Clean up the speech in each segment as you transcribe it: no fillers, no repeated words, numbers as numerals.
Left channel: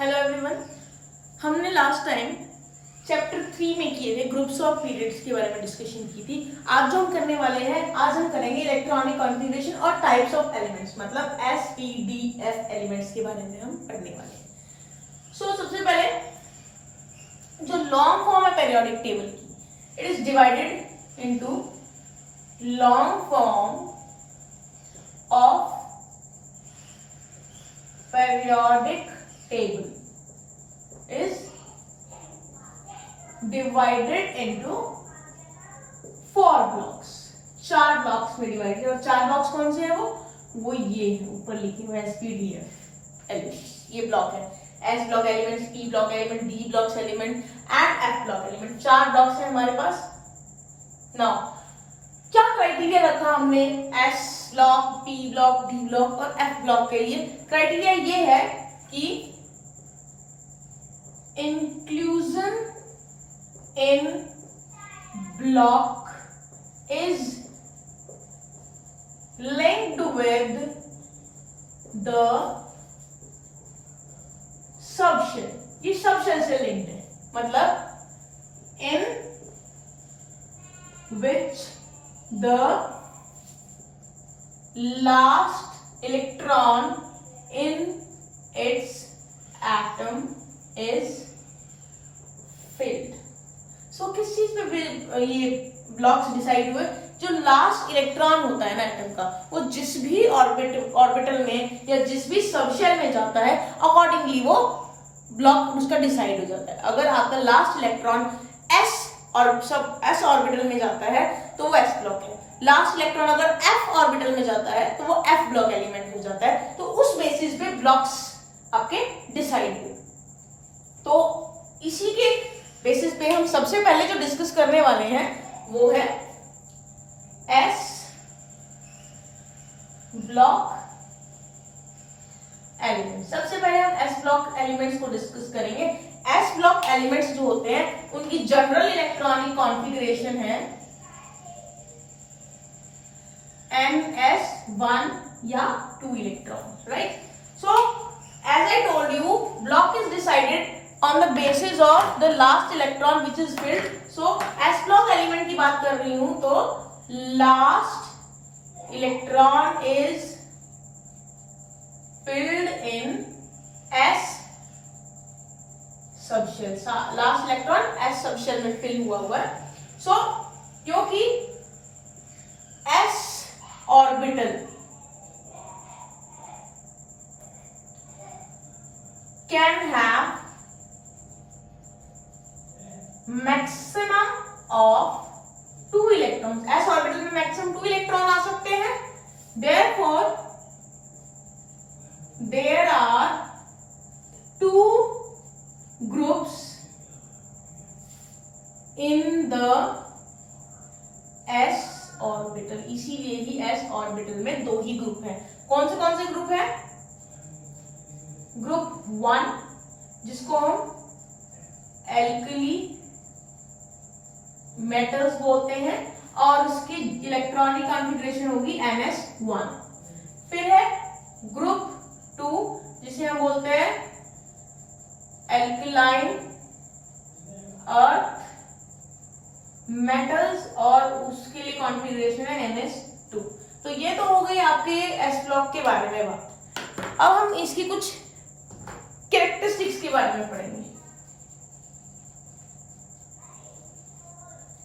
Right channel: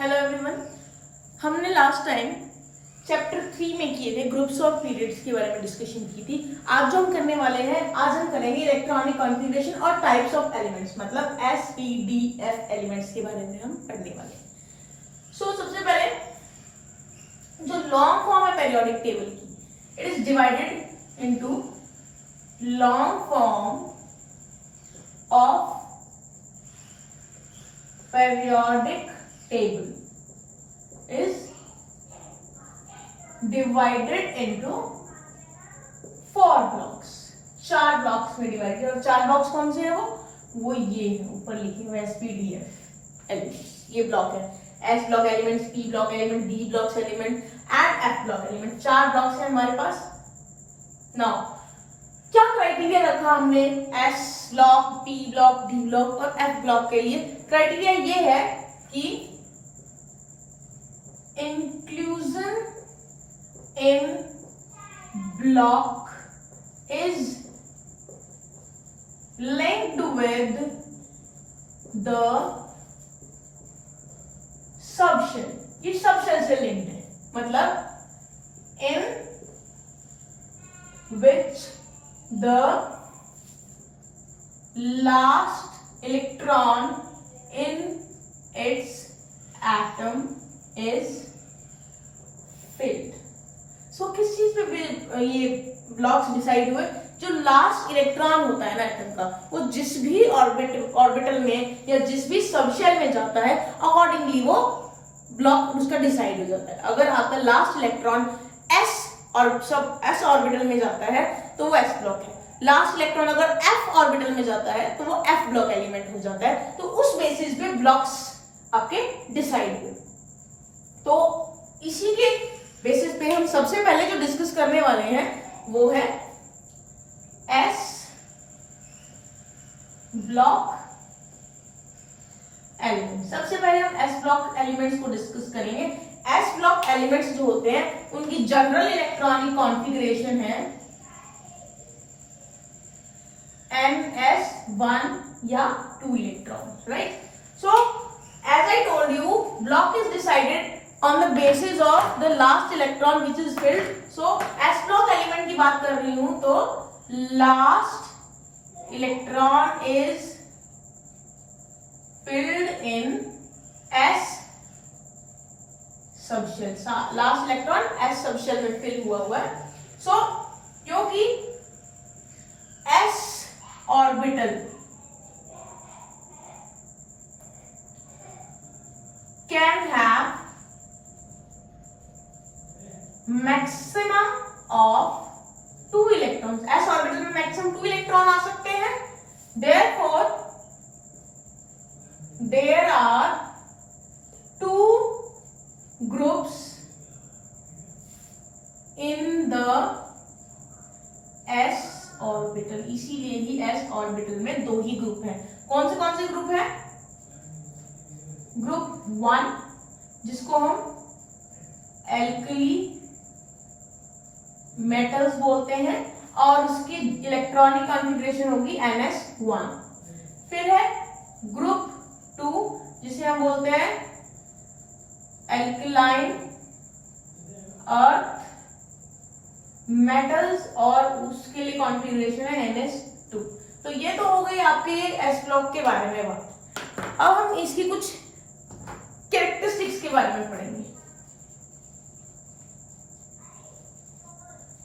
Hello everyone. हमने last time chapter 3 में किए थे ग्रुप्स ऑफ पीरियड्स के बारे में डिस्कशन की थी। आज जो हम करने वाले हैं, आज हम करेंगे इलेक्ट्रॉनिक कॉन्फ़िगरेशन और टाइप्स ऑफ एलिमेंट्स, मतलब SPDF एलिमेंट्स के बारे में हम पढ़ने वाले हैं। सबसे पहले जो लॉन्ग फॉर्म है पीरियोडिक टेबल की, it is divided into long form of periodic table is divided into 4 blocks। 4 blocks में डिवाइड किया। और 4 blocks कौन से है? वो ये है, ऊपर लिखे हुए SPDF एलिमेंट्स। ये ब्लॉक है S block elements, P block element, D blocks element and F block element. 4 blocks है हमारे पास। नाउ क्या क्राइटेरिया रखा हमने S block, P block, D block और F ब्लॉक के लिए? क्राइटेरिया ये है कि inclusion in block is linked with the subshell. ये सबशेल से लिंक्ड है, मतलब इन विच the last electron in its atom is filled। किस चीज पे ये ब्लॉक्स डिसाइड हुए? जो लास्ट इलेक्ट्रॉन होता है ना एटम का, वो जिस भी ऑर्बिटल में या जिस भी सबशेल में जाता है, अकॉर्डिंगली वो ब्लॉक उसका डिसाइड हो जाता है। अगर आपका लास्ट इलेक्ट्रॉन S ऑर्बिटल में जाता है तो वो S ब्लॉक है। लास्ट इलेक्ट्रॉन अगर F ऑर्बिटल में जाता है तो वो F ब्लॉक एलिमेंट हो जाता है। तो उस बेसिस पे ब्लॉक्स आपके डिसाइड हुए। तो इसी के बेसिस पे हम सबसे पहले जो डिस्कस करने वाले हैं वो है S ब्लॉक एलिमेंट। सबसे पहले हम S ब्लॉक एलिमेंट्स को डिस्कस करेंगे। S ब्लॉक एलिमेंट्स जो होते हैं उनकी जनरल इलेक्ट्रॉनिक कॉन्फ़िगरेशन है ns1 या 2 electron, right? So as I told you, block is decided on the basis of the last electron which is filled. So S block element की बात कर रही हूं तो last electron is filled in S subshell. Last electron S subshell में fill हुआ है। So क्योंकि S orbital can have maximum of 2 electrons. S orbital में मैक्सिमम 2 इलेक्ट्रॉन आ सकते हैं। Therefore there are 2 groups in the S orbital. इसीलिए ही S ऑर्बिटल में 2 ही ग्रुप हैं। कौन से ग्रुप हैं? ग्रुप 1 जिसको हम एल्कली मेटल्स बोलते हैं और उसकी इलेक्ट्रॉनिक कॉन्फ़िगरेशन होगी NS1। फिर है ग्रुप 2 जिसे हम बोलते हैं एल्कलाइन अर्थ मेटल्स और उसके लिए कॉन्फ़िगरेशन है NS2। तो ये तो हो गई आपके S ब्लॉक के बारे में बात। अब हम इसकी कुछ कैरेक्टरिस्टिक्स के बारे में पढ़ेंगे।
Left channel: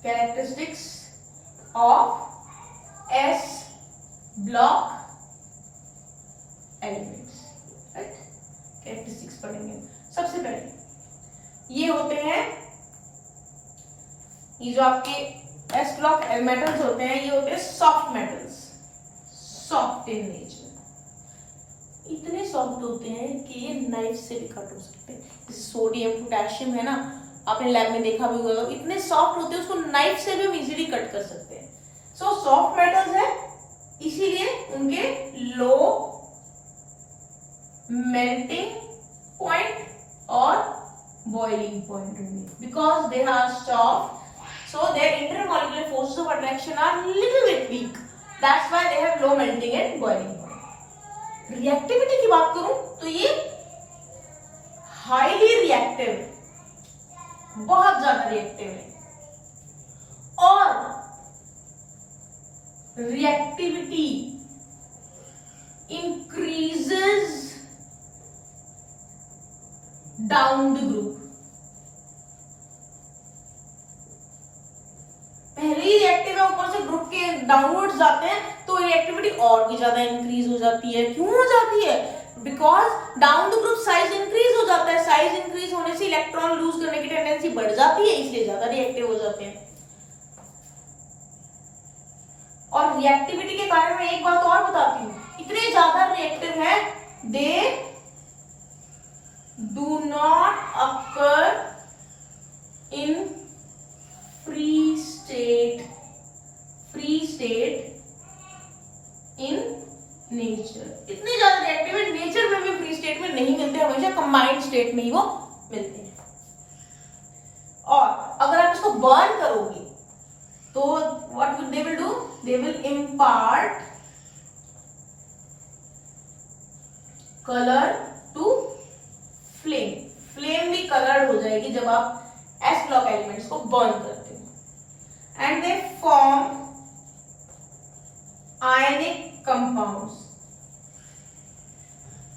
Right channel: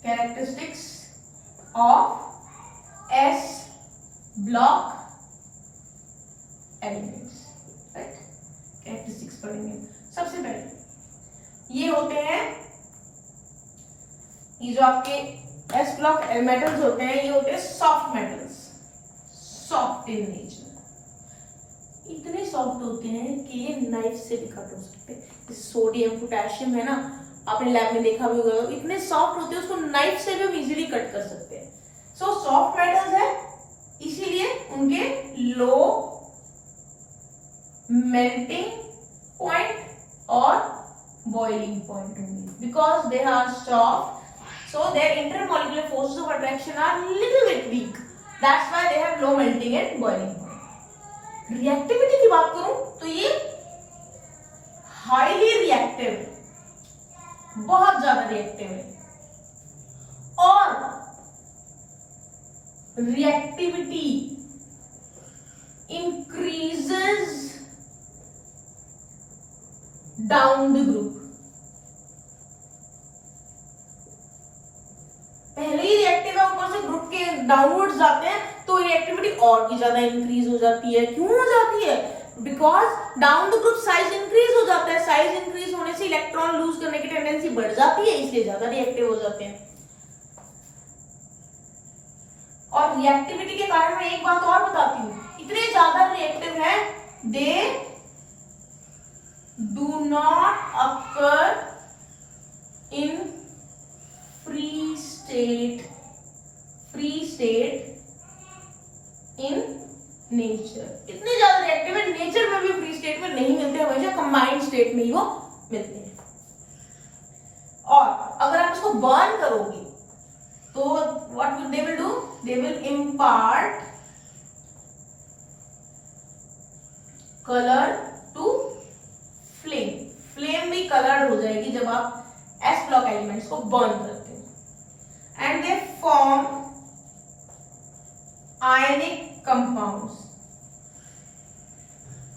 Characteristics of S block elements, right? Characteristics पढ़ेंगे। सबसे पहले ये होते हैं, ये जो आपके S ब्लॉक मेटल्स होते हैं, ये होते हैं soft metals, soft in nature. इतने सॉफ्ट होते हैं कि ये नाइफ से भी कट हो सकते हैं। जैसे सोडियम, पोटेशियम है ना, आपने लैब में देखा भी होगा, इतने सॉफ्ट होते हैं उसको नाइफ से भी हम इजीली कट कर सकते हैं। सो सॉफ्ट मेटल्स है, इसीलिए उनके लो मेल्टिंग पॉइंट और बॉइलिंग पॉइंट होंगे। Because they are soft, so their intermolecular forces of attraction are little bit weak, that's why they have low melting and boiling point। Reactivity की बात करूं तो ये हाईली रिएक्टिव है, बहुत ज्यादा रिएक्टिव है, और reactivity increases down the group. पहले ही रिएक्टिव है, ऊपर से ग्रुप के डाउनवर्ड्स जाते हैं तो रिएक्टिविटी और भी ज्यादा इंक्रीज हो जाती है। क्यों हो जाती है? Because down the group size increase हो जाता है, साइज इंक्रीज होने से इलेक्ट्रॉन लूज करने की टेंडेंसी बढ़ जाती है, इसलिए ज्यादा रिएक्टिव हो जाते हैं। और रिएक्टिविटी के कारण मैं एक बात और बताती हूँ, इतने ज्यादा रिएक्टिव है, they do not occur in free state in nature. इतने ज्यादा रिएक्टिव है, नेचर में भी फ्री स्टेट में नहीं मिलते, हमेशा कंबाइंड स्टेट में ही वो मिलते हैं। और अगर आप इसको बर्न करोगे तो what will they will do? They will impart colour to flame. Flame भी कलर्ड हो जाएगी जब आप एस ब्लॉक एलिमेंट्स को बर्न करते हो। And they form ionic compounds.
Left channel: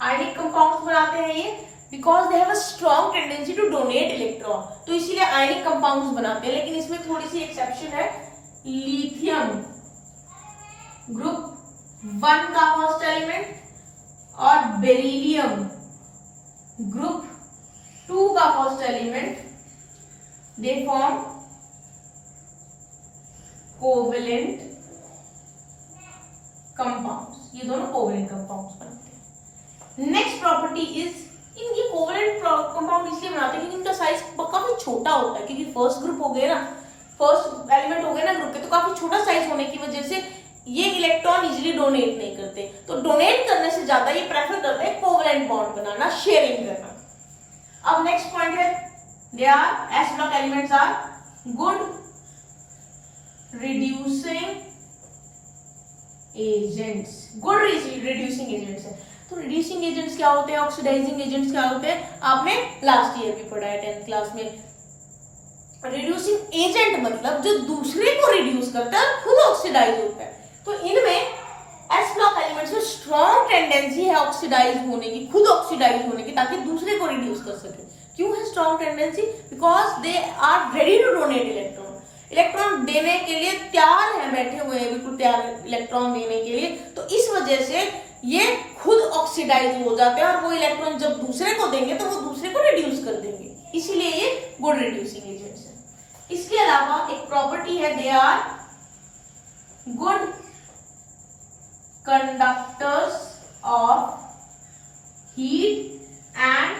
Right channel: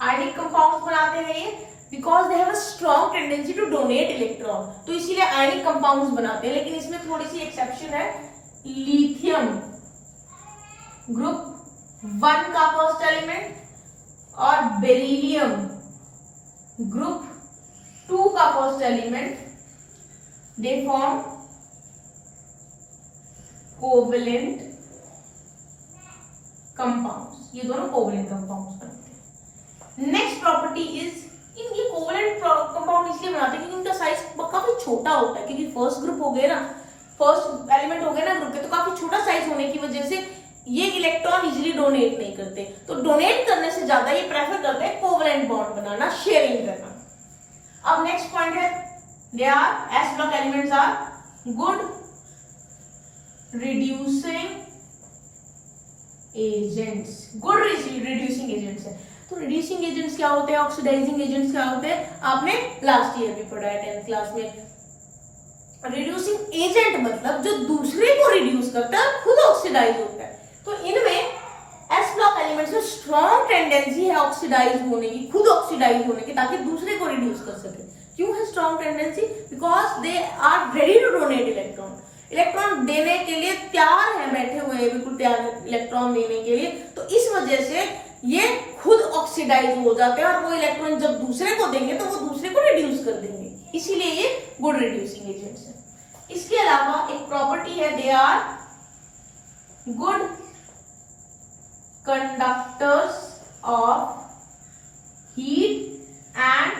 Ionic compounds बनाते हैं ये because they have a strong tendency to donate electron, तो इसीलिए आयनिक कंपाउंड्स बनाते हैं। लेकिन इसमें थोड़ी सी एक्सेप्शन है, लिथियम ग्रुप 1 का फर्स्ट एलिमेंट और बेरिलियम ग्रुप 2 का first element, they form covalent compounds. ये दोनों कोवेलेंट कंपाउंड्स बनते हैं। नेक्स्ट प्रॉपर्टी इज, ये कोवेलेंट कंपाउंड इसलिए बनाते हैं क्योंकि इनका साइज काफी छोटा होता है, क्योंकि फर्स्ट ग्रुप हो गए ना, फर्स्ट एलिमेंट हो गए ना ग्रुप के, तो काफी छोटा साइज होने की वजह से ये इलेक्ट्रॉन इजीली डोनेट नहीं करते, तो डोनेट करने से ज्यादा ये प्रेफर करते हैं कोवेलेंट बॉन्ड बनाना, शेयरिंग करना। अब नेक्स्ट पॉइंट है, they are S block elements are good reducing agents. Good reducing agents है। तो रिड्यूसिंग एजेंट्स क्या होते हैं, ऑक्सीडाइजिंग एजेंट्स क्या होते हैं, आपने लास्ट ईयर भी पढ़ा है 10th क्लास में। रिड्यूसिंग एजेंट मतलब जो दूसरे को रिड्यूस करता है, खुद ऑक्सीडाइज होता है। तो इनमें एस ब्लॉक एलिमेंट्स में स्ट्रॉन्ग टेंडेंसी है ऑक्सीडाइज होने की, खुद ऑक्सीडाइज होने की, ताकि दूसरे को रिड्यूस कर सके। क्यों है strong tendency? Because they are ready to donate electron. Electron देने के लिए तैयार है, बैठे हुए हैं बिल्कुल तैयार इलेक्ट्रॉन देने के लिए। तो इस वजह से ये खुद ऑक्सीडाइज हो जाते हैं और वो इलेक्ट्रॉन जब दूसरे को देंगे तो वो दूसरे को रिड्यूस कर देंगे, इसीलिए ये गुड रिड्यूसिंग एजेंट्स है। इसके अलावा एक प्रॉपर्टी है, they are good conductors of heat and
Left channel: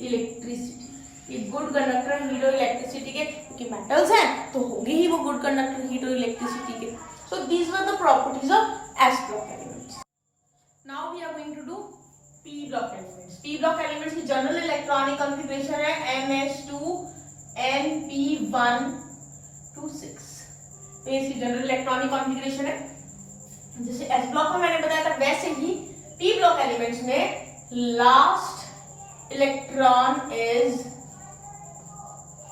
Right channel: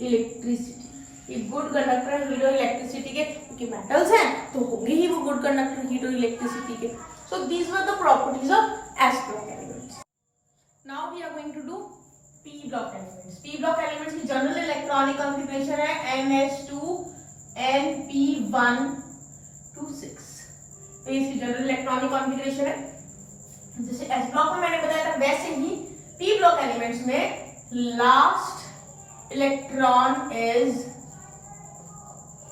electricity. ये गुड कंडक्टर हीट और इलेक्ट्रिसिटी के, क्योंकि मेटल्स हैं तो होंगे ही वो गुड कंडक्टर हीट और इलेक्ट्रिसिटी के। So these were the properties of S block elements. Now we are going to do P block elements. P block elements की जनरल इलेक्ट्रॉनिक कॉन्फ़िगरेशन है NS2 Np126। तो ये इसकी जनरल इलेक्ट्रॉनिक कॉन्फ़िगरेशन है। जैसे S block में मैंने बताया था, वैसे ही पी ब्लॉक एलिमेंट्स में last electron is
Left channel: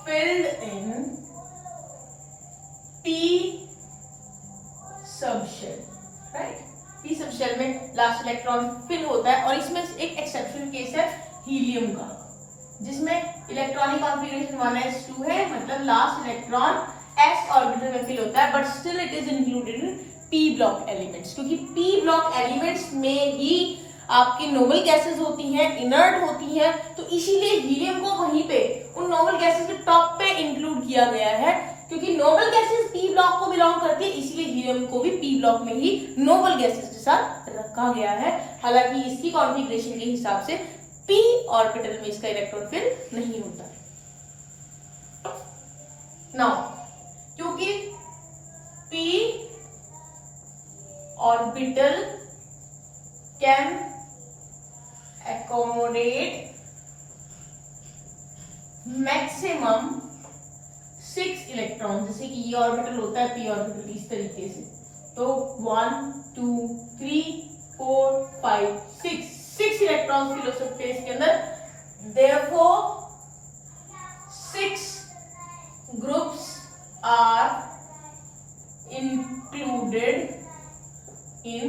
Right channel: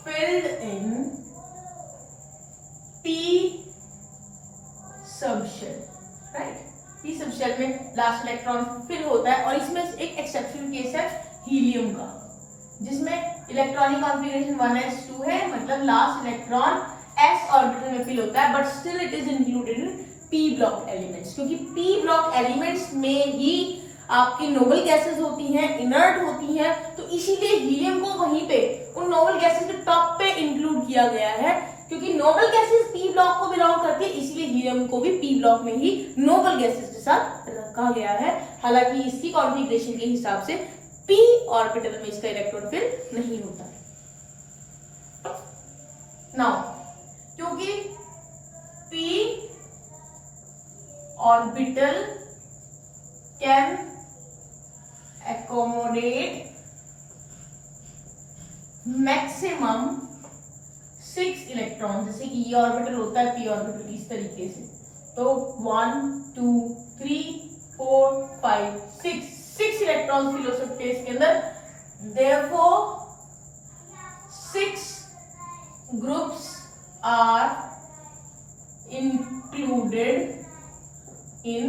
filled in p subshell, right. p subshell में लास्ट इलेक्ट्रॉन फिल होता है। और इसमें एक एक्सेप्शन केस है हीलियम का, जिसमें इलेक्ट्रॉनिक कॉन्फ़िगरेशन 1s2 है, मतलब लास्ट इलेक्ट्रॉन s ऑर्बिटल में फिल होता है, but still it is included in p block elements, क्योंकि p ब्लॉक एलिमेंट्स में ही आपकी नोबल गैसेस होती हैं, इनर्ट होती हैं, तो इसीलिए हीलियम को वहीं पे उन नोबल गैसेस के टॉप पे इंक्लूड किया गया है। क्योंकि नोबल गैसेस पी ब्लॉक को बिलोंग करती है, इसलिए हीलियम को भी पी ब्लॉक में ही नोबल गैसेस के साथ रखा गया है। हालांकि इसकी कॉन्फ़िगरेशन के हिसाब से पी ऑर्बिटल में इसका इलेक्ट्रॉन फिल नहीं होता है। नाउ क्योंकि P orbital can accommodate maximum 6 electron, जैसे कि ये ऑर्बिटल होता है पी ऑर्बिटल इस तरीके से, तो 1 2 3 4 5 6 इलेक्ट्रॉन इलेक्ट्रॉन्स फिल हो सकते हैं इसके अंदर। Therefore 6 groups are included in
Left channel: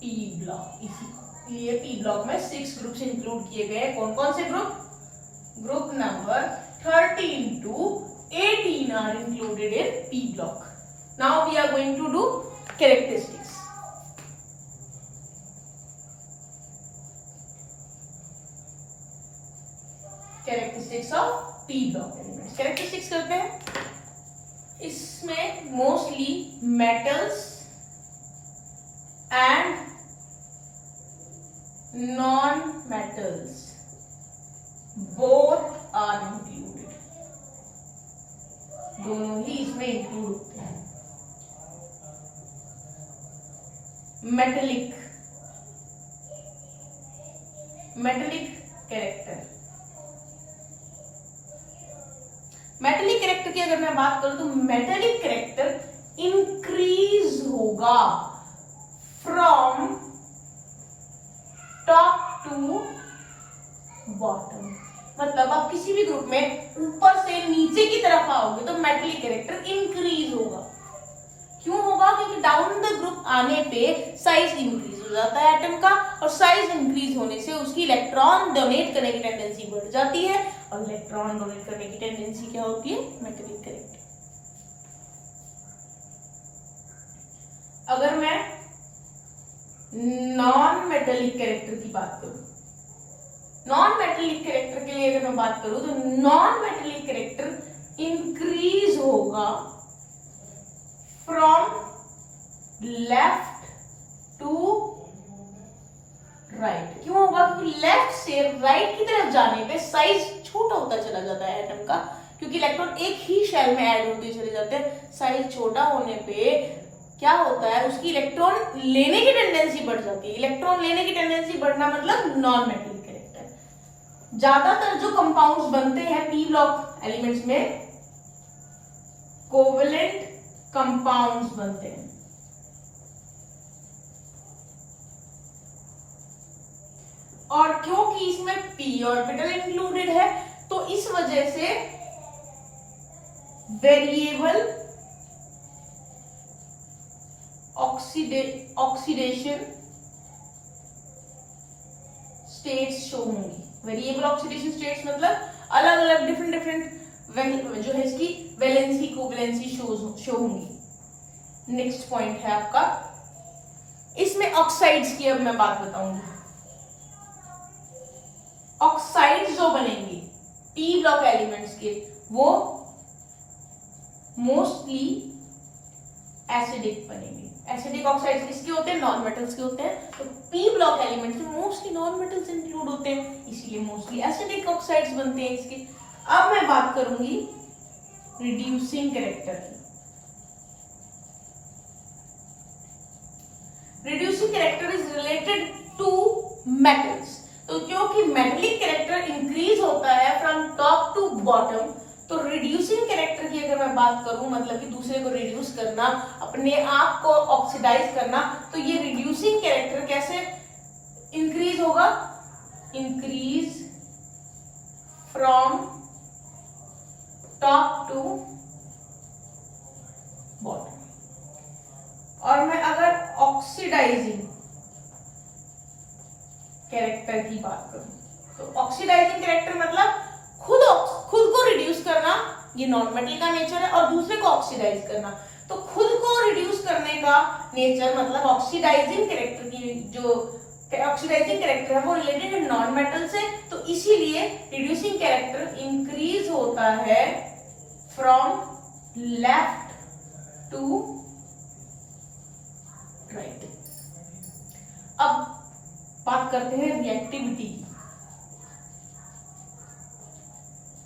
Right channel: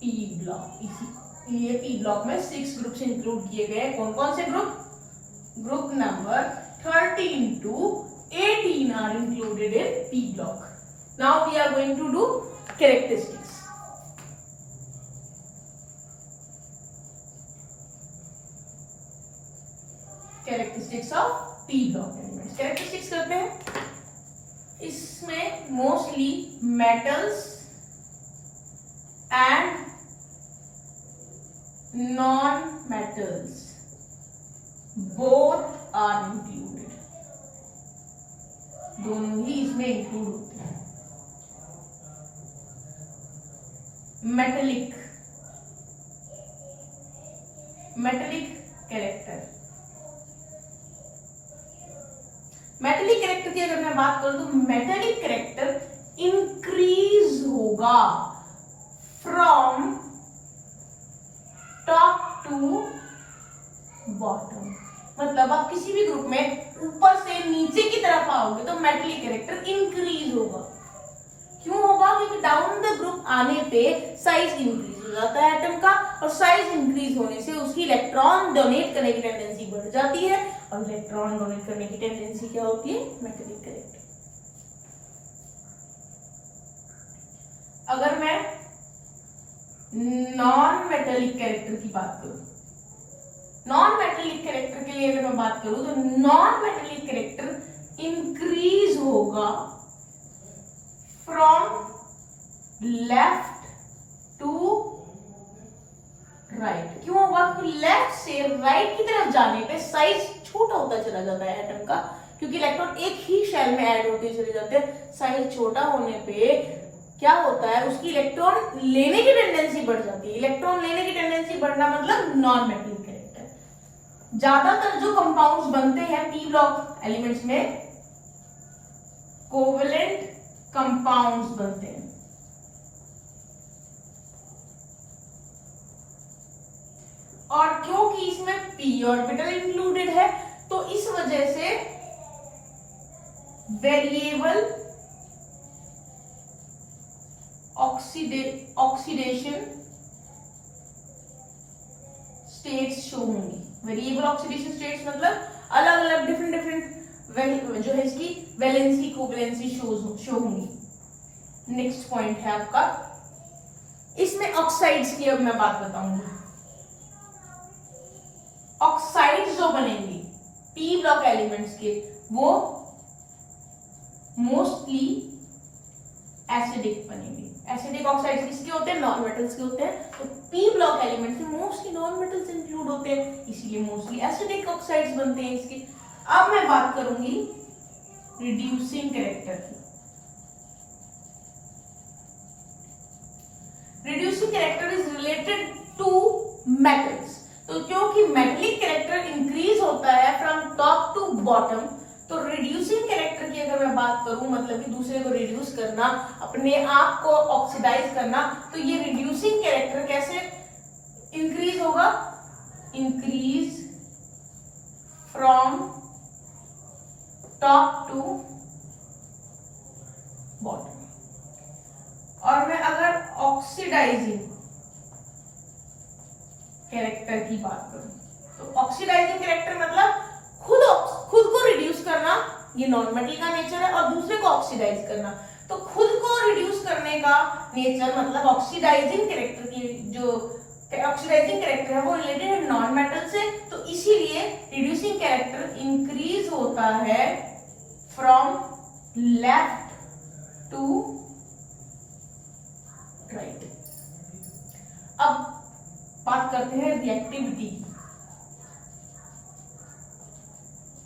P block। इसीलिए P ब्लॉक में 6 ग्रुप्स इंक्लूड किए गए। कौन कौन से group? Group number 13 to 18 are included in P block. Now we are going to do characteristics. Characteristics of P block elements. Characteristics करते हैं। इसमें mostly metals and non metals both are included. दोनों ही इसमें इंक्लूड होते हैं। Metallic character. Metallic character की अगर मैं बात करूं तो मेटेलिक कैरेक्टर इंक्रीज होगा फ्रॉम टॉप टू बॉटम। मतलब आप किसी भी ग्रुप में ऊपर से नीचे की तरफ आओगे तो मेटेलिक कैरेक्टर इंक्रीज होगा। क्यों होगा? क्योंकि डाउन द ग्रुप आने पे साइज इंक्रीज हो जाता है एटम का, और साइज इंक्रीज होने से उसकी इलेक्ट्रॉन डोनेट करने की टेंडेंसी बढ़ जाती है, और इलेक्ट्रॉन डोनेट करने की टेंडेंसी क्या होती है? Metallic character. अगर मैं नॉन मेटेलिक कैरेक्टर की बात करूं, नॉन मेटेलिक कैरेक्टर के लिए अगर मैं बात करूं तो नॉन मेटेलिक कैरेक्टर इंक्रीज होगा फ्रॉम लेफ्ट टू राइट। क्यों होगा? क्योंकि लेफ्ट से राइट की तरफ जाने पे साइज छोटा होता चला जाता है एटम का, क्योंकि इलेक्ट्रॉन एक ही शेल में ऐड होते चले जाते हैं। साइज छोटा होने पे क्या होता है? उसकी इलेक्ट्रॉन लेने की टेंडेंसी बढ़ जाती है। इलेक्ट्रॉन लेने की टेंडेंसी बढ़ना मतलब नॉन मेटेलिक कैरेक्टर। ज्यादातर जो कंपाउंड्स बनते हैं पी ब्लॉक एलिमेंट्स में कोवेलेंट कंपाउंड्स बनते हैं। और क्योंकि इसमें पी ऑर्बिटल इंक्लूडेड है तो इस वजह से वेरिएबल ऑक्सीडेशन स्टेट्स शो होंगी। वेरिएबल ऑक्सीडेशन स्टेट्स मतलब अलग अलग डिफरेंट जो है इसकी वैलेंसी कोवैलेंसी शो होंगी। नेक्स्ट पॉइंट है आपका, इसमें ऑक्साइड्स की अब मैं बात बताऊंगी। ऑक्साइड्स जो बनेंगे पी ब्लॉक एलिमेंट्स के वो मोस्टली एसिडिक बनेंगे। एसिडिक ऑक्साइड्स किसके होते हैं? नॉन मेटल्स के होते हैं। तो पी ब्लॉक एलिमेंट्स में मोस्टली नॉन मेटल्स इंक्लूड होते हैं, इसीलिए मोस्टली एसिडिक ऑक्साइड्स बनते हैं इसके। अब मैं बात करूंगी रिड्यूसिंग कैरेक्टर की। Reducing character is related to metals. तो क्योंकि मेटेलिक कैरेक्टर इंक्रीज होता है फ्रॉम टॉप टू बॉटम, तो रिड्यूसिंग कैरेक्टर की अगर मैं बात करूं मतलब कि दूसरे को रिड्यूस करना, अपने आप को ऑक्सीडाइज करना, तो ये रिड्यूसिंग कैरेक्टर कैसे इंक्रीज होगा? Increase from top to bottom. और मैं अगर ऑक्सीडाइजिंग कैरेक्टर की बात करूं तो ऑक्सीडाइजिंग कैरेक्टर मतलब खुद को रिड्यूस करना, ये नॉन मेटल का नेचर है, और दूसरे को ऑक्सीडाइज करना। तो खुद को रिड्यूस करने का नेचर मतलब ऑक्सीडाइजिंग कैरेक्टर की जो ऑक्सीडाइजिंग कैरेक्टर है वो रिलेटेड है नॉन मेटल से, तो इसीलिए रिड्यूसिंग कैरेक्टर इंक्रीज होता है फ्रॉम लेफ्ट टू राइट। अब बात करते हैं रिएक्टिविटी।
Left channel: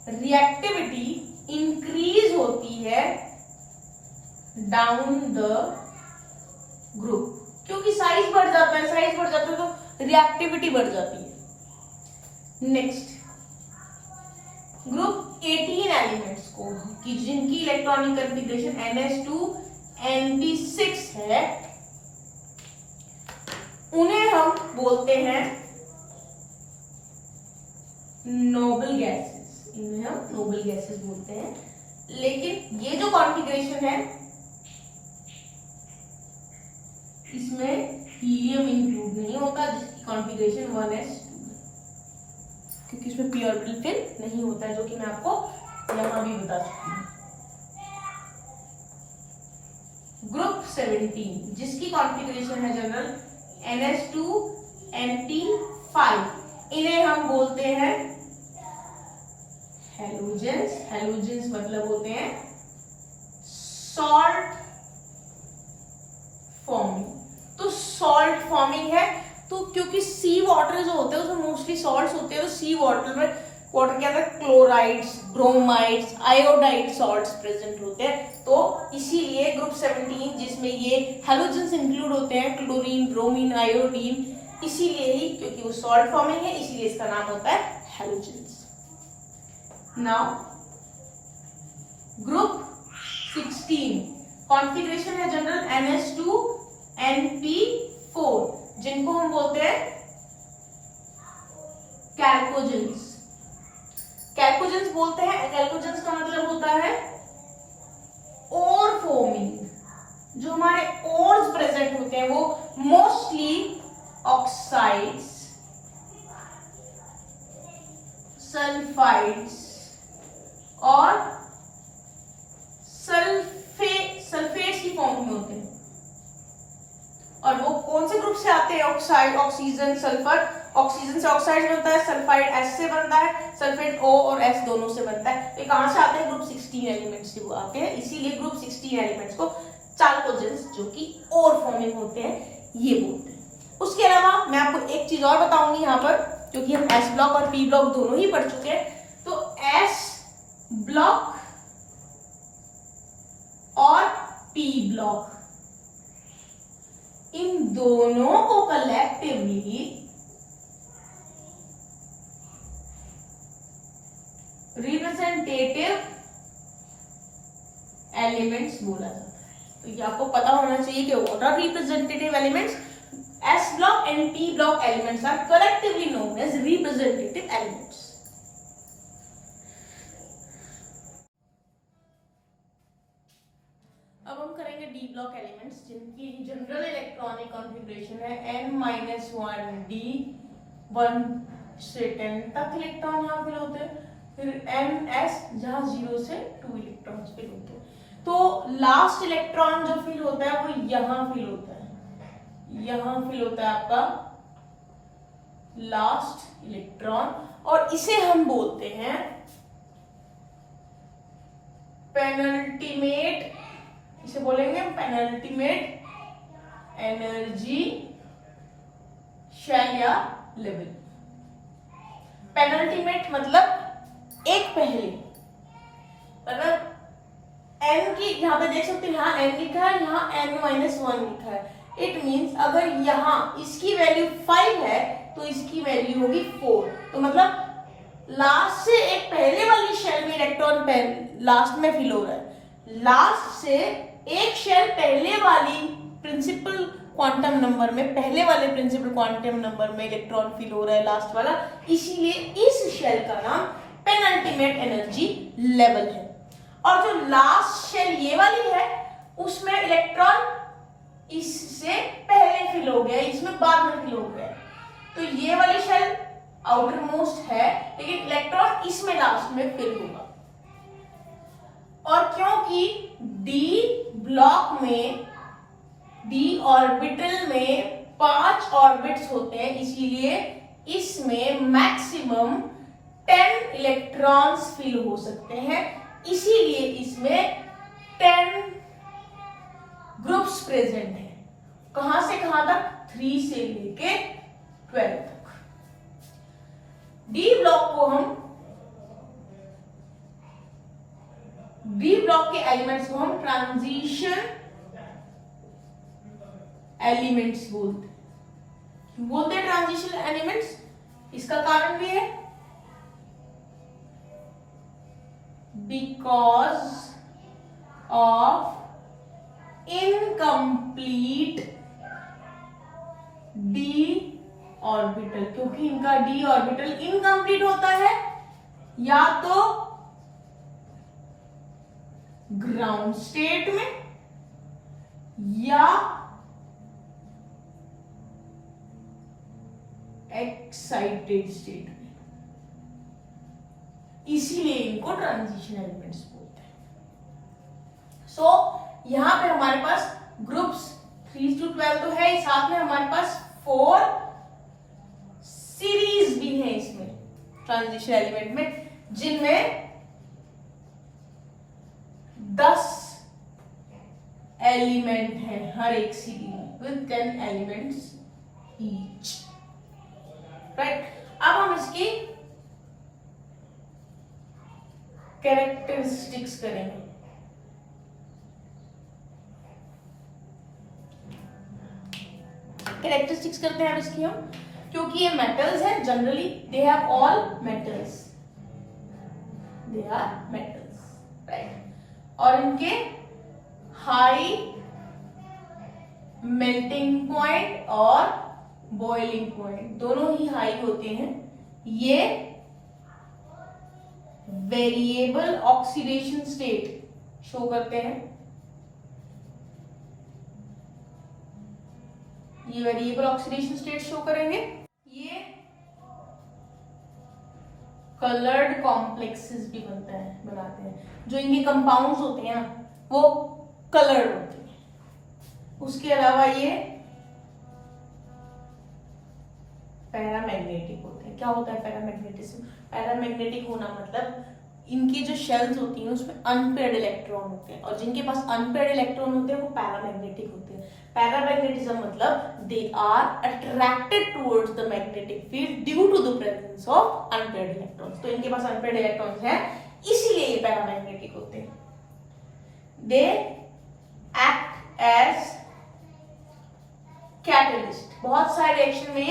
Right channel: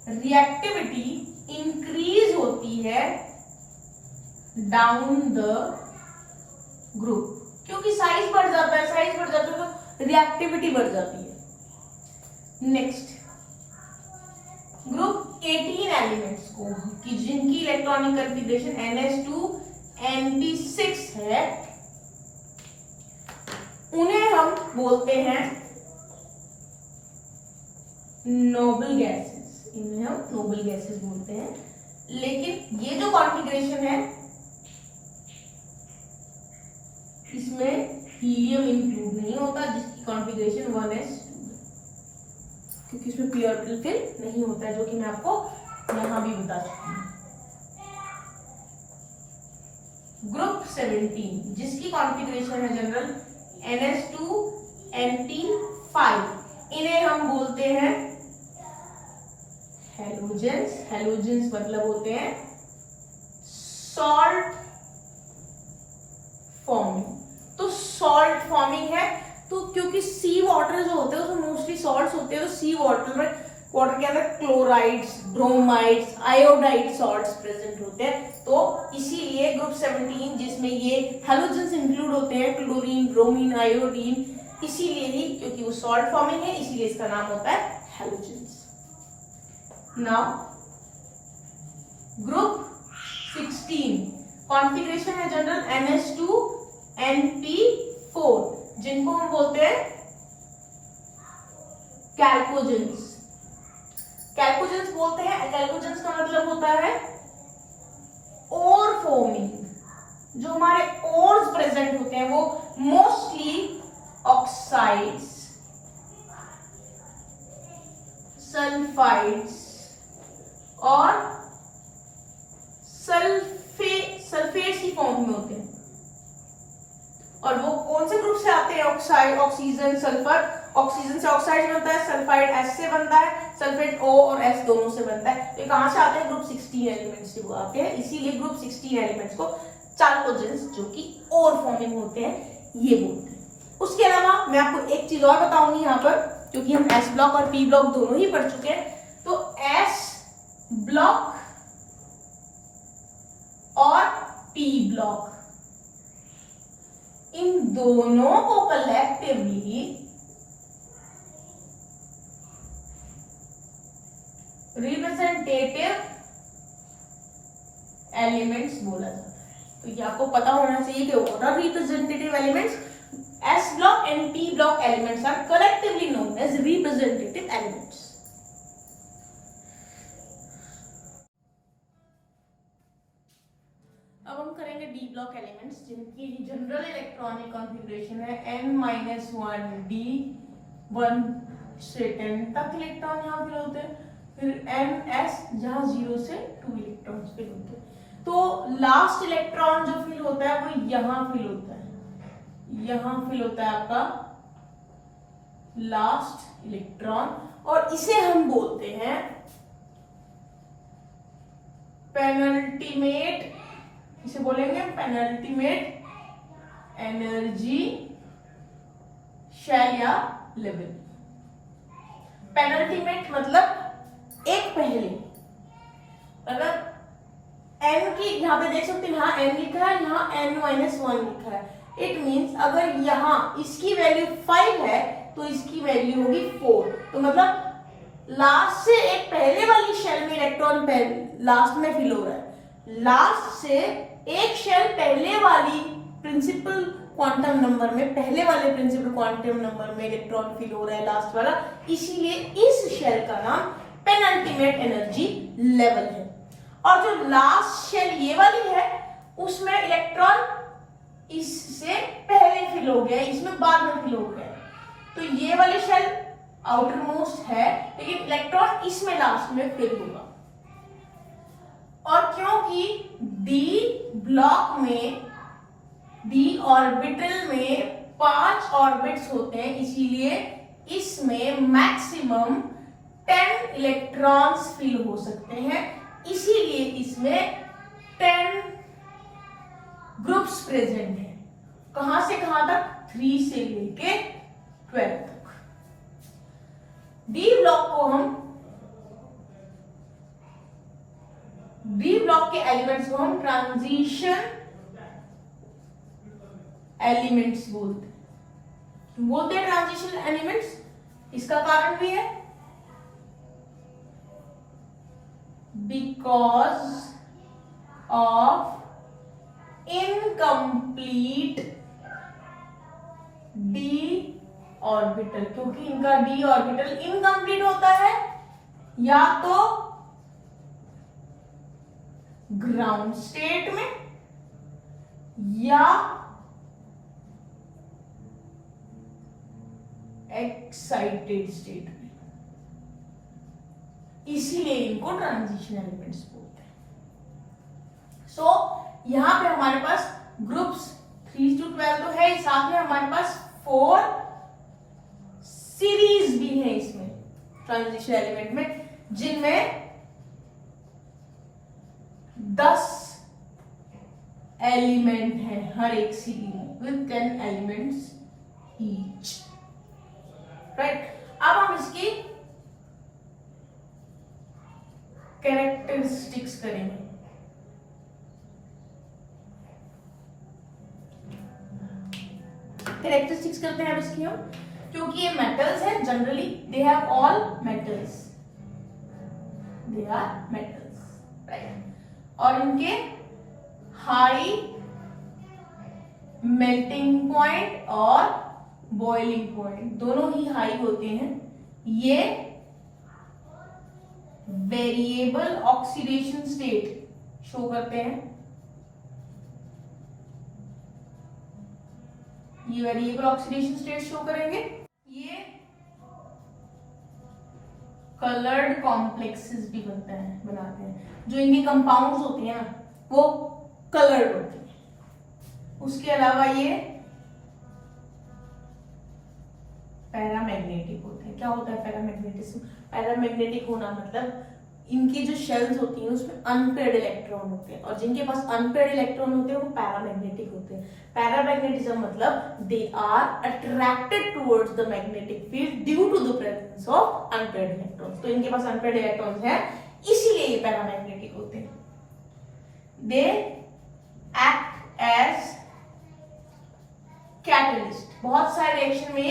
रिएक्टिविटी इंक्रीज होती है डाउन द ग्रुप, क्योंकि साइज बढ़ जाता है, साइज बढ़ जाता है तो रिएक्टिविटी बढ़ जाती है। नेक्स्ट ग्रुप 18 एलिमेंट्स को कि जिनकी इलेक्ट्रॉनिक कॉन्फ़िगरेशन NH2 NP6 है, उन्हें हम बोलते हैं नोबल गैसेस, इन्हें हम नोबल गैसेस बोलते हैं। लेकिन ये जो कॉन्फ़िगरेशन है इसमें हीलियम इंक्लूड नहीं होता, जिसकी कॉन्फ़िगरेशन 1s2 है, क्योंकि इसमें पी ऑर्बिटल फिल नहीं होता है, जो कि मैं आपको यहां भी बता चुकी हूँ। ग्रुप 17 जिसकी कॉन्फ़िगरेशन है जनरल ns2 nt5, इन्हें हम बोलते हैं हेलोजेंस। हेलोजेंस मतलब होते हैं सॉल्ट फॉर्मिंग। तो सॉल्ट फॉर्मिंग है, तो क्योंकि सी वाटर जो होते हैं उसमें मोस्टली सॉल्ट्स होते हैं, तो सी वाटर में, वाटर के अंदर chlorides, bromides, iodide salts present होते हैं। तो इसीलिए ग्रुप 17 जिसमें ये हैलोजेंस इंक्लूड होते हैं, क्लोरीन, ब्रोमीन, आयोडीन, इसीलिए ही क्योंकि वो सॉल्ट फॉर्मिंग है, इसीलिए इसका नाम होता है हैलोजेंस। नाउ ग्रुप 16 कॉन्फ़िगरेशन है जनरल ns2 np4, जिनको हम बोलते हैं कैल्कोजेंस। कैल्कोजेंस बोलते हैं, कैल्कोजेंस का मतलब होता है ओर फॉर्मिंग। जो हमारे ओर्स प्रेजेंट होते हैं वो मोस्टली ऑक्साइड्स, सल्फाइड्स और सल्फेट्स की फॉर्म में होते हैं। और वो कौन से ग्रुप से आते हैं? Oxide, oxygen, sulphur. ऑक्सीजन से ऑक्साइड बनता है, सल्फाइड एस से बनता है, सल्फेट ओ और एस दोनों से बनता है। तो कहां से आते हैं? ग्रुप 16 एलिमेंट्स से वो आते हैं। इसीलिए ग्रुप 16 एलिमेंट्स को चाल्कोजेंस, जो कि और फॉर्मिंग होते हैं, ये बोलते हैं। उसके अलावा मैं आपको एक चीज और बताऊंगी यहाँ पर, क्योंकि हम एस ब्लॉक और पी ब्लॉक दोनों ही पढ़ चुके हैं। तो एस ब्लॉक और पी ब्लॉक, इन दोनों को कलेक्टिवली रिप्रेजेंटेटिव एलिमेंट्स बोला जाता है। तो ये आपको पता होना चाहिए कि what are representative elements. S block and P block elements are collectively known as representative elements. अब हम करेंगे डी ब्लॉक एलिमेंट्स, जिनकी जनरल इलेक्ट्रॉनिक कॉन्फ़िगरेशन है n-1 d1 से 10 तक इलेक्ट्रॉन यहाँ फिल होते हैं, फिर ns जहाँ 0 से 2 इलेक्ट्रॉन्स फिल होते हैं। तो लास्ट इलेक्ट्रॉन जो फिल होता है वो यहाँ फिल होता है, यहाँ फिल होता है आपका लास्ट इलेक्ट्रॉन, और इसे हम बोलते हैं पेनल्टीमेट, इसे बोलेंगे पेनल्टीमेट एनर्जी शेल या लेवल। पेनल्टीमेट मतलब एक पहले, अगर n की यहां पे देख सकते हैं, यहां n लिखा है, यहां n-1 लिखा है। इट मींस अगर यहां इसकी वैल्यू 5 है तो इसकी वैल्यू होगी 4। तो मतलब लास्ट से एक पहले वाली शेल में इलेक्ट्रॉन लास्ट में फिल हो रहा है, लास्ट से एक शेल पहले वाली प्रिंसिपल क्वांटम नंबर में, पहले वाले प्रिंसिपल क्वांटम नंबर में इलेक्ट्रॉन फिल हो रहा है लास्ट वाला, इसीलिए इस शेल का नाम पेनल्टीमेट एनर्जी लेवल है। और जो लास्ट शेल ये वाली है उसमें इलेक्ट्रॉन इससे पहले फिल हो गया, इसमें बाद में फिल हो गया। तो ये वाली शेल आउटर मोस्ट है, लेकिन इलेक्ट्रॉन इसमें लास्ट में फिल होगा। और क्योंकि डी ब्लॉक में, डी ऑर्बिटल में 5 ऑर्बिट्स होते हैं, इसीलिए इसमें मैक्सिमम 10 इलेक्ट्रॉन्स फिल हो सकते हैं। इसीलिए इसमें 10 ग्रुप्स प्रेजेंट हैं। कहां से कहां तक? 3 से लेके 12 तक। डी ब्लॉक को हम, डी ब्लॉक के एलिमेंट्स को हम ट्रांजिशन एलिमेंट्स बोलते हैं। ट्रांजिशन एलिमेंट्स, इसका कारण भी है because of incomplete D orbital, क्योंकि इनका डी ऑर्बिटल इनकम्प्लीट होता है या तो ग्राउंड स्टेट में या एक्साइटेड स्टेट में, इसीलिए इनको ट्रांजिशन एलिमेंट्स बोलते हैं। सो यहां पे हमारे पास ग्रुप्स 3 to 12 तो है, साथ में हमारे पास 4 सीरीज भी है इसमें ट्रांजिशन एलिमेंट में, जिनमें 10 एलिमेंट है हर एक सीरीज में, विद 10 एलिमेंट्स ईच, राइट। अब हम इसकी कैरेक्टरिस्टिक्स करेंगे। कैरेक्टरिस्टिक्स करते हैं अब इसकी हम, क्योंकि ये मेटल्स है, generally they have all metals, they are metals, right. और इनके हाई मेल्टिंग पॉइंट और बॉइलिंग पॉइंट दोनों ही हाई होते हैं। ये वेरिएबल ऑक्सीडेशन स्टेट शो करते हैं, ये वेरिएबल ऑक्सीडेशन स्टेट शो करेंगे। ये कलर्ड कॉम्प्लेक्सेस भी बनाते हैं, जो इनके कंपाउंड्स होते हैं वो कलर्ड होते हैं। उसके अलावा ये पैरामैग्नेटिक होते हैं। क्या होता है पैरामैग्नेटिज्म? पैरामैग्नेटिक होना मतलब इनकी जो शेल्स होती हैं उसमें अनपेयर्ड इलेक्ट्रॉन होते हैं, और जिनके पास अनपेयर्ड इलेक्ट्रॉन होते हैं वो पैरामैग्नेटिक होते हैं। पैरामैग्नेटिज्म मतलब they are attracted towards the magnetic field due to the presence of unpaired electrons. तो इनके पास अनपेयर्ड इलेक्ट्रॉन्स हैं, इसीलिए ये पैरामैग्नेटिक होते हैं। दे एक्ट एज कैटलिस्ट, बहुत सारे रिएक्शन में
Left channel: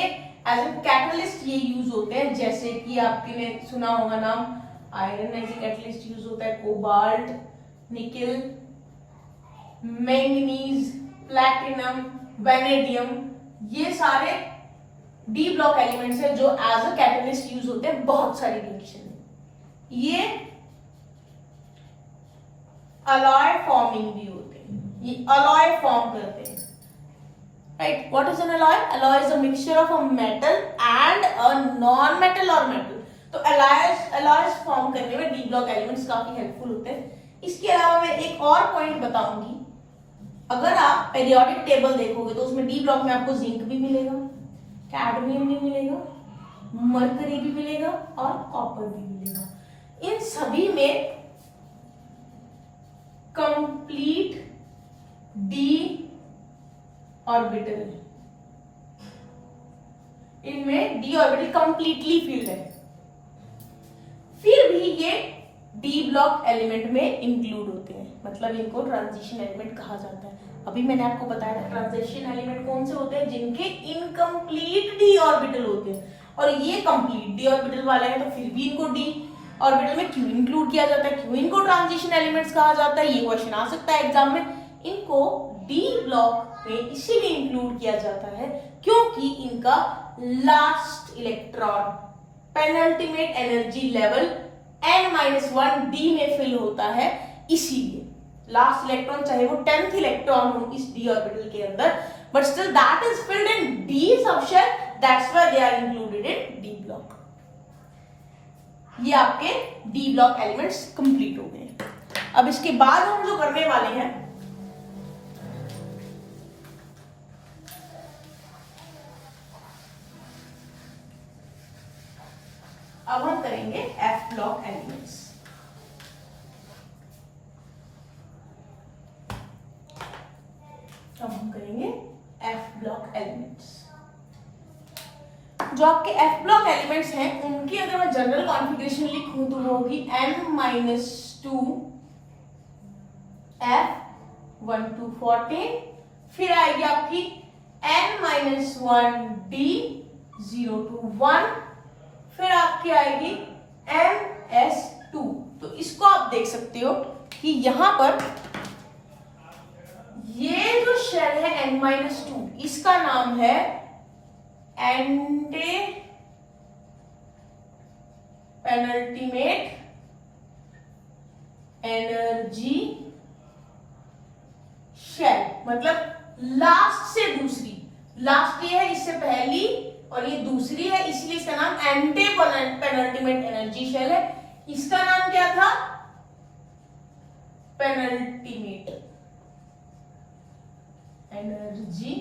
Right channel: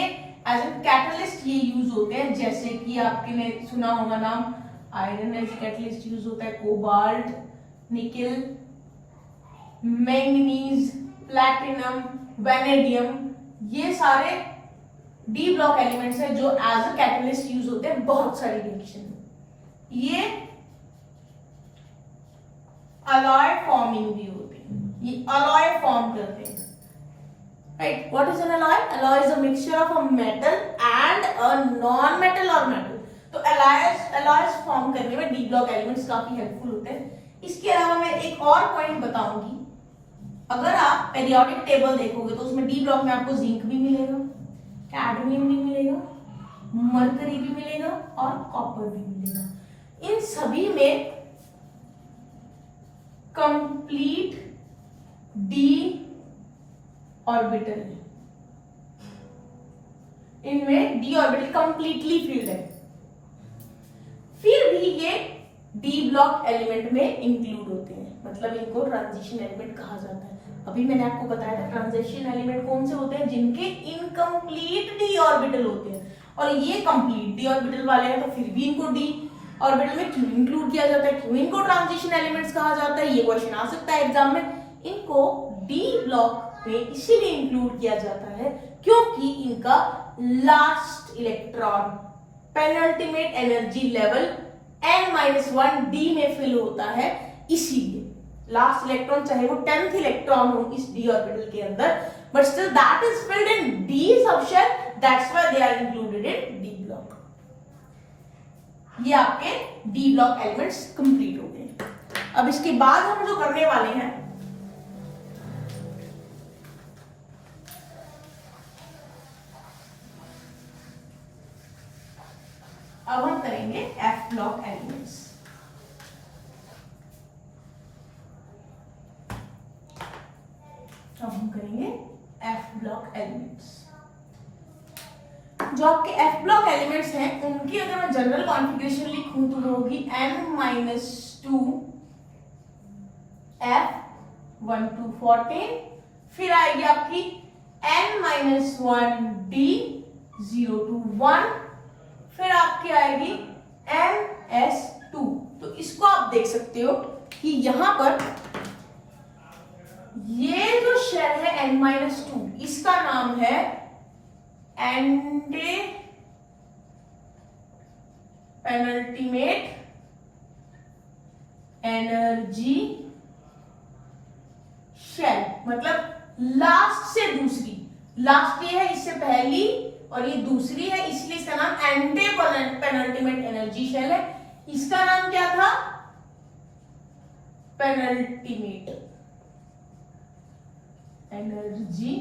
एज ए कैटलिस्ट ये यूज होते हैं, जैसे कि आपने सुना होगा नाम, iron as a catalyst use होता है, cobalt, nickel, manganese, platinum, vanadium, ये सारे डी ब्लॉक एलिमेंट्स हैं जो एज अ कैटलिस्ट यूज होते हैं बहुत सारी रिएक्शन में। ये अलॉय फॉर्मिंग भी होते हैं, ये अलॉय फॉर्म करते हैं, right. What is an alloy? Alloy is a mixture of a metal and a non metal और मेटल। तो अलॉयज फॉर्म करने में डी ब्लॉक एलिमेंट्स काफी हेल्पफुल होते हैं। इसके अलावा मैं एक और पॉइंट बताऊंगी, अगर आप पीरियोडिक टेबल देखोगे तो उसमें डी ब्लॉक में आपको जिंक भी मिलेगा, कैडमियम भी मिलेगा, मरकरी भी मिलेगा और कॉपर भी मिलेगा। इन सभी में कंप्लीट डी ऑर्बिटल है, इनमें डी ऑर्बिटल कंप्लीटली फिल्ड है, फिर भी ये डी ब्लॉक एलिमेंट में इंक्लूड होते हैं, मतलब इनको ट्रांजिशन एलिमेंट कहा जाता है। अभी मैंने आपको बताया था ट्रांजिशन एलिमेंट कौन से होते हैं, जिनके इनकम्प्लीट डी ऑर्बिटल होते हैं, और ये कंप्लीट डी ऑर्बिटल वाले हैं, तो फिर भी इनको डी ऑर्बिटल में क्यों इंक्लूड किया जाता है, क्यों इनको ट्रांजिशन एलिमेंट्स कहा जाता है, ये क्वेश्चन आ सकता है एग्जाम में। इनको डी ब्लॉक में इसीलिए इंक्लूड किया जाता है क्योंकि इनका last electron penultimate energy level n-1 D में फिल होता है, इसीलिए लास्ट इलेक्ट्रॉन चाहे वो 10th इलेक्ट्रॉन हो इस डी ऑर्बिटल के अंदर, but still that is filled in D subshell, that's why they are included in D block. ये आपके डी ब्लॉक एलिमेंट्स कंप्लीट हो गए। अब इसके बाद हम जो करने वाले हैं, अब हम करेंगे एफ ब्लॉक एलिमेंट्स। अब हम करेंगे एफ ब्लॉक एलिमेंट्स। जो आपके एफ ब्लॉक एलिमेंट्स हैं उनकी अगर मैं जनरल कॉन्फ़िगरेशन लिखूं तो वो होगी n-2 F 1 to 14, फिर आएगी आपकी n-1 D 0 to 1, फिर आपकी आएगी ns2। तो इसको आप देख सकते हो कि यहां पर ये जो शेल है n-2, इसका नाम है एंटी पेनल्टीमेट एनर्जी शेल, मतलब लास्ट से दूसरी, लास्ट ये है, इससे पहली और ये दूसरी है, इसलिए इसका नाम एंटी पेनल्टीमेट एनर्जी शेल है। इसका नाम क्या था? पेनल्टीमेट एनर्जी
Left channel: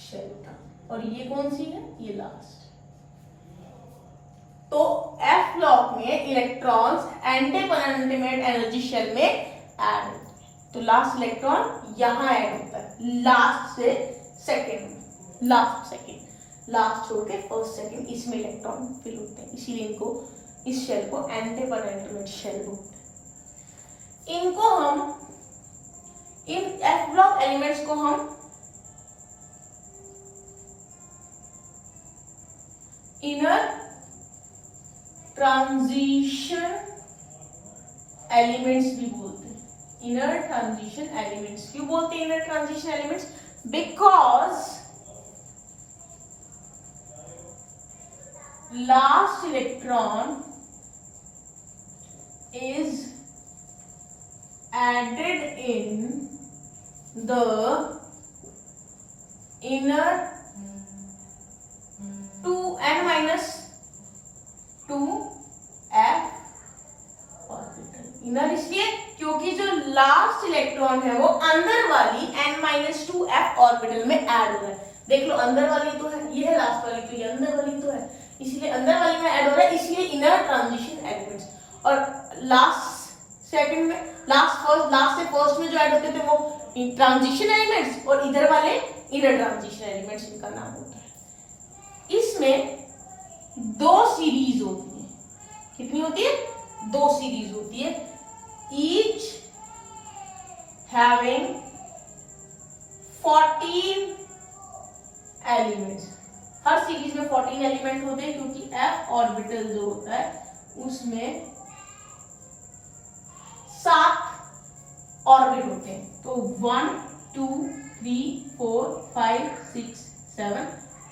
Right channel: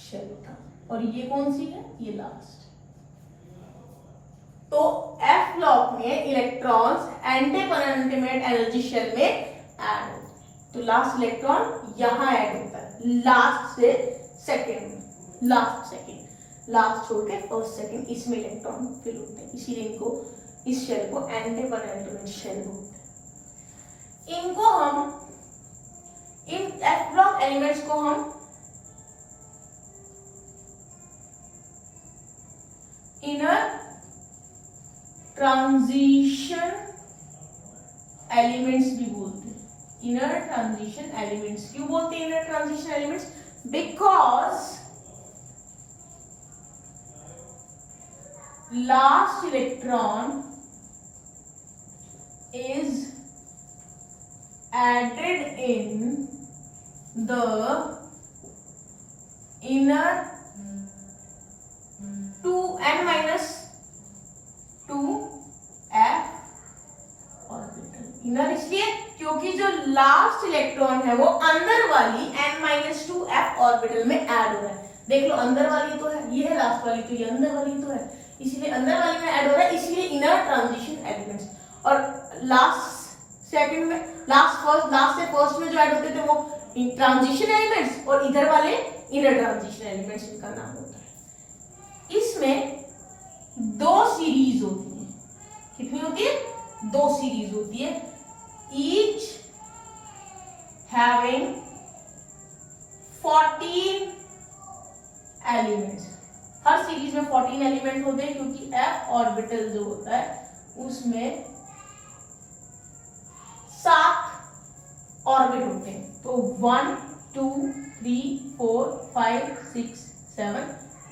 शेल था। और ये कौन सी है? ये लास्ट। तो एफ ब्लॉक में electrons anti penultimate energy shell में ऐड होते हैं। तो लास्ट इलेक्ट्रॉन यहां ऐड होता है, लास्ट से सेकेंड में, लास्ट सेकेंड, लास्ट छोड़ के फर्स्ट सेकेंड, इसमें इलेक्ट्रॉन फिल होते हैं, इसीलिए इनको, इस शेल को एंटी पेनल्टीमेट शेल बोलते हैं। इनको हम, इन एफ ब्लॉक एलिमेंट्स को हम इनर ट्रांजिशन एलिमेंट्स भी बोलते हैं। इनर ट्रांजिशन एलिमेंट्स क्यों बोलते हैं inner transition elements? Because last electron is added in the inner 2n-2f orbital. Inner इसलिए क्योंकि जो लास्ट इलेक्ट्रॉन है वो अंदर वाली n-2f ऑर्बिटल में ऐड हो रहा है। देख लो, अंदर वाली तो है, ये है लास्ट वाली, तो ये अंदर वाली तो है, इसलिए अंदर वाली में ऐड हो रहा है, इसलिए इनर ट्रांजिशन एलिमेंट्स। और लास्ट सेकंड में, लास्ट से फर्स्ट में जो ऐड होते थे वो ट्रांजिशन एलिमेंट्स, और इधर वाले इनर ट्रांजिशन एलिमेंट्स, इनका नाम होता है। इसमें दो सीरीज होती है। कितनी होती है? दो सीरीज होती है, ईच हैविंग 14 एलिमेंट्स। हर सीरीज में 14 एलिमेंट होते हैं, क्योंकि एफ ऑर्बिटल जो होता है उसमें 7 ऑर्बिट होते हैं। तो 1 2 3 4 5 6 7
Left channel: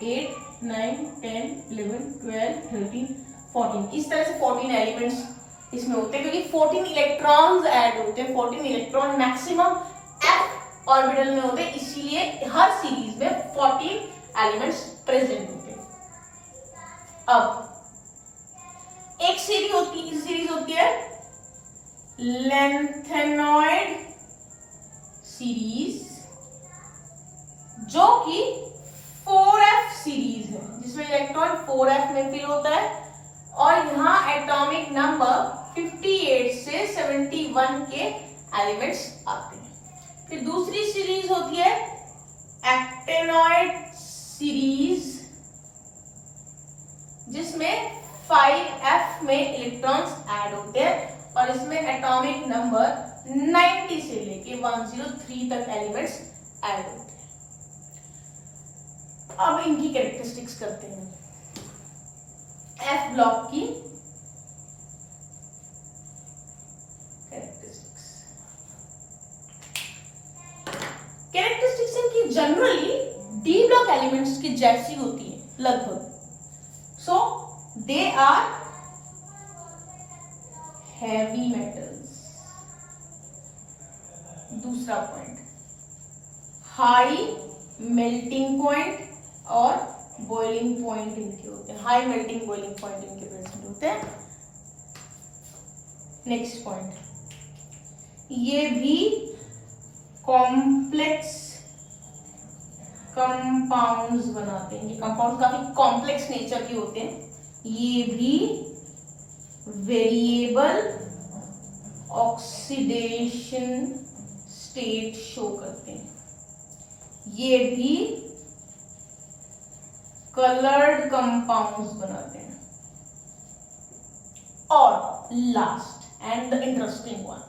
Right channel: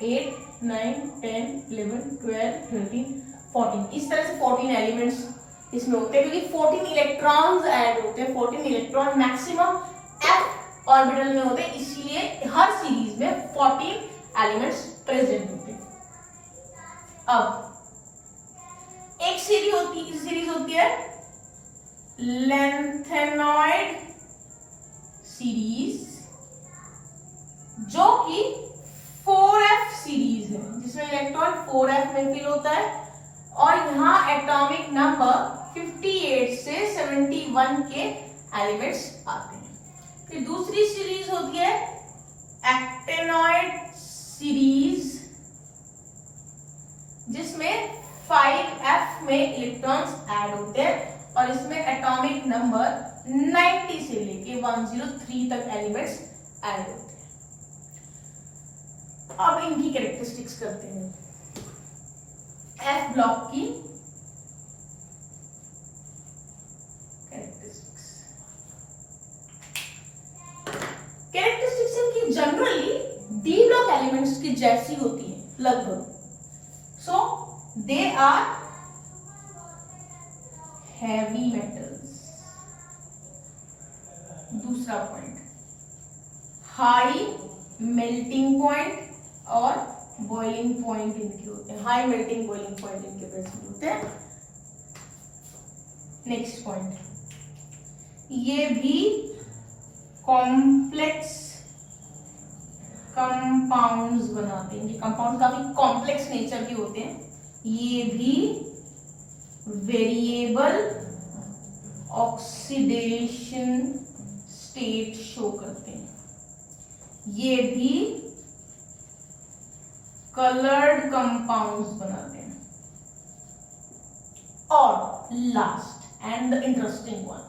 8 9 10 11 12 13 14, इस तरह से 14 एलिमेंट्स इसमें होते हैं, क्योंकि 14 इलेक्ट्रॉन्स ऐड होते हैं। 14 इलेक्ट्रॉन मैक्सिमम एफ ऑर्बिटल में होते हैं, इसीलिए हर सीरीज में 14 एलिमेंट्स प्रेजेंट होते हैं। अब एक सीरीज होती है लेंथेनॉइड सीरीज, जो कि 4f सीरीज है, जिसमें इलेक्ट्रॉन 4f में फिल होता है, और यहाँ एटॉमिक नंबर 58 से 71 के एलिमेंट्स आते हैं। फिर दूसरी सीरीज होती है एक्टेनॉइड सीरीज, जिसमें 5f में इलेक्ट्रॉन्स ऐड होते हैं, और इसमें एटॉमिक नंबर 90 से लेके 103 तक एलिमेंट्स ऐड होते हैं। अब इनकी कैरेक्टरिस्टिक्स करते हैं। एफ ब्लॉक की कैरेक्टरिस्टिक्स इनकी जनरली डी ब्लॉक एलिमेंट्स की जैसी होती है लगभग। सो दे आर हैवी मेटल्स। दूसरा पॉइंट, हाई मेल्टिंग पॉइंट और बॉइलिंग पॉइंट इनके होते हैं, हाई मेल्टिंग बॉइलिंग पॉइंट इनके प्रेजेंट होते हैं। नेक्स्ट पॉइंट, ये भी कॉम्प्लेक्स कंपाउंड्स बनाते हैं। ये कंपाउंड काफी कॉम्प्लेक्स नेचर के होते हैं। ये भी वेरिएबल ऑक्सीडेशन स्टेट शो करते हैं। ये भी कलर्ड कंपाउंड्स बनाते हैं। और last and the interesting one,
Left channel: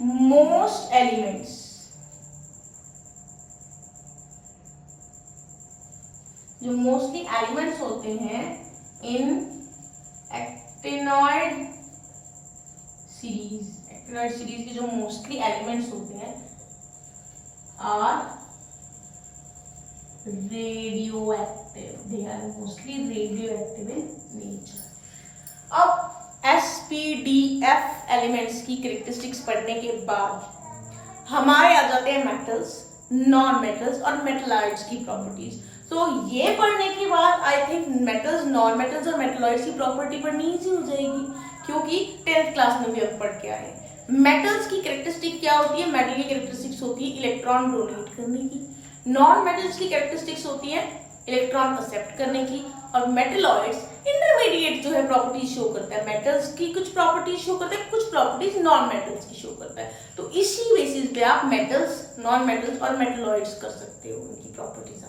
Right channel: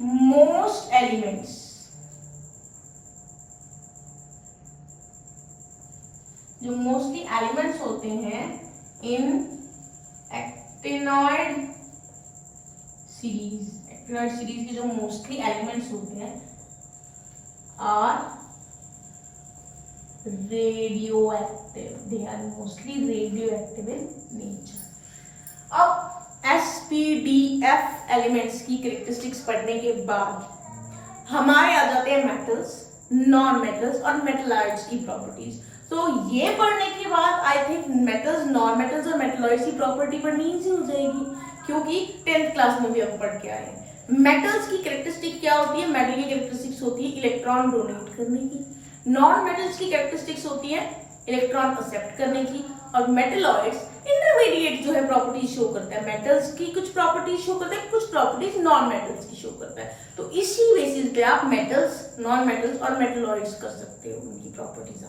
most elements, जो मोस्टली एलिमेंट्स होते हैं इन एक्टिनॉइड सीरीज के जो मोस्टली एलिमेंट्स होते हैं are radioactive. They are mostly radioactive in nature. अब SPDF एलिमेंट्स की कैरेक्टरिस्टिक्स पढ़ने के बाद हमारे आ जाते हैं मेटल्स, नॉन मेटल्स और मेटलॉइड्स की प्रॉपर्टीज. तो ये पढ़ने के बाद I think metals, non metals और मेटलॉइड्स की प्रॉपर्टी पढ़नी ईजी हो जाएगी, क्योंकि 10th क्लास में भी हम पढ़ के आए. मेटल्स की कैरेक्टरिस्टिक क्या होती है? मेटल की कैरेक्टरिस्टिक्स होती है इलेक्ट्रॉन डोनेट करने की. नॉन मेटल्स की कैरेक्टरिस्टिक्स होती है इलेक्ट्रॉन एक्सेप्ट करने की. और मेटलॉइड्स इंटरमीडिएट जो है प्रॉपर्टीज शो करता है. मेटल्स की कुछ प्रॉपर्टीज शो करता है, कुछ प्रॉपर्टीज नॉन मेटल्स की शो करता है. तो इसी बेसिस पे आप मेटल्स, नॉन मेटल्स और मेटलॉइड्स कर सकते हो, उनकी प्रॉपर्टीज